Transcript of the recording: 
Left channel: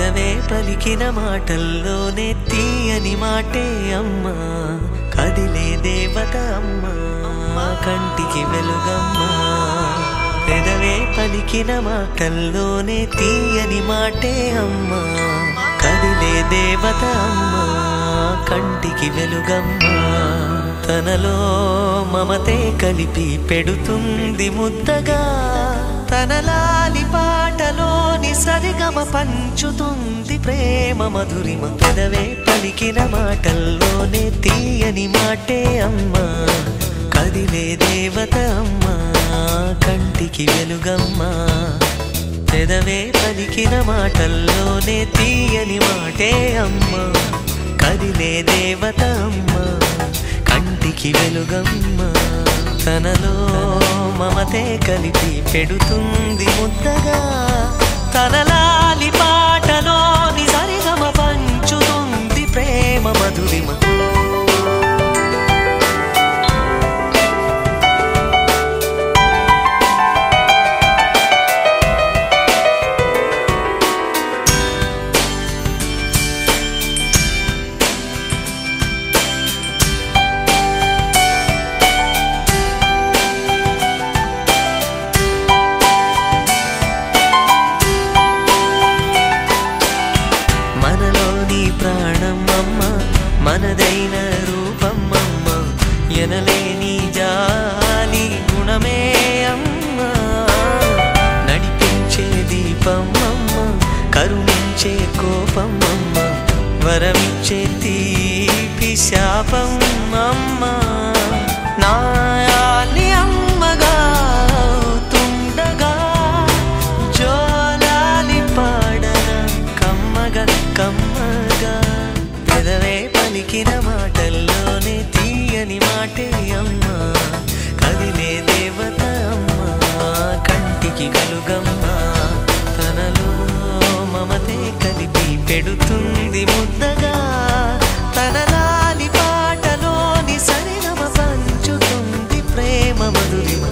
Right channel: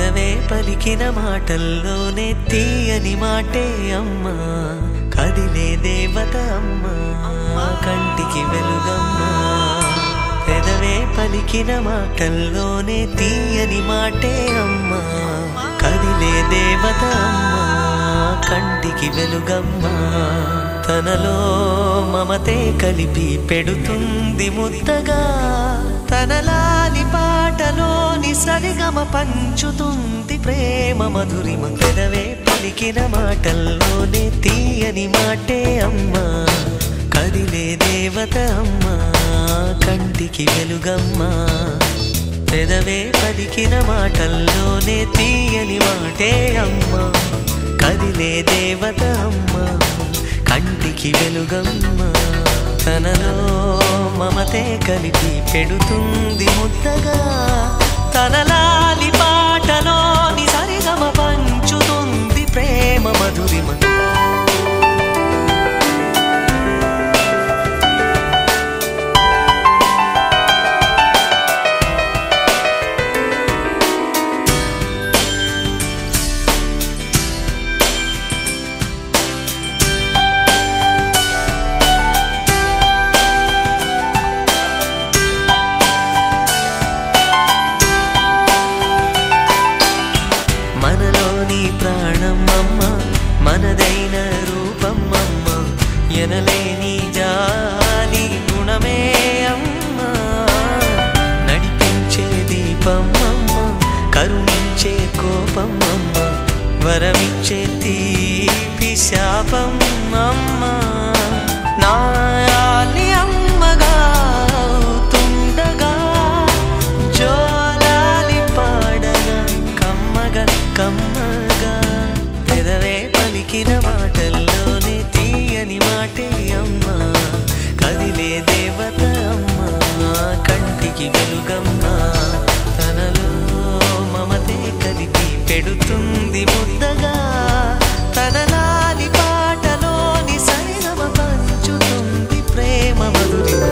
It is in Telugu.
పెదవే పలికిన మాటల్లోనే తీయని మాటే అమ్మా, కదిలే దేవత అమ్మా, కంటికి వెలుగమ్మా. పెదవే పలికిన మాటల్లోనే తీయని మాటే అమ్మా, కదిలే దేవత అమ్మా, కంటికి వెలుగమ్మా. తనలో మమతే కలిపి పెడుతుంది ముద్దగా, తన లాలి పాటలోని సరిగమ పంచుతుంది ప్రేమ మధురిమ. పెదవే పలికిన మాటల్లోనే తీయని మాటే అమ్మా, కదిలే దేవత అమ్మా, కంటికి వెలుగమ్మా. పెదవే పలికిన మాటల్లోనే తీయని మాటే అమ్మా, కదిలే దేవత అమ్మా, కంటికి వెలుగమ్మా. తనలో మమతే కలిపి పెడుతుంది ముద్దగా, తన లాలి పాటలోని సరిగమ పంచుతుంది ప్రేమ మధురిమ. మనలోని ప్రాణమమ్మ, మనదైన రూపమమ్మ, ఎనలేని జాలి గుణమే అమ్మ. నడిపించే దీపమమ్మ, కరుణించే కోపమమ్మ, వరమిచ్చే తీపి శాపమమ్మ. నాయాలి అమ్మగా తుండగా, జోలాలి పాడన కమ్మగా కమ్మగా. పెదవే పలికిన మాటల్లోనే తీయని మాటే అమ్మా, కదిలే దేవత అమ్మా, కంటికి వెలుగమ్మా. తనలో మమతే కలిపి పెడుతుంది ముద్దగా, తన లాలి పాటలోని సరిగమ పంచుతుంది ప్రేమ మధురిమ.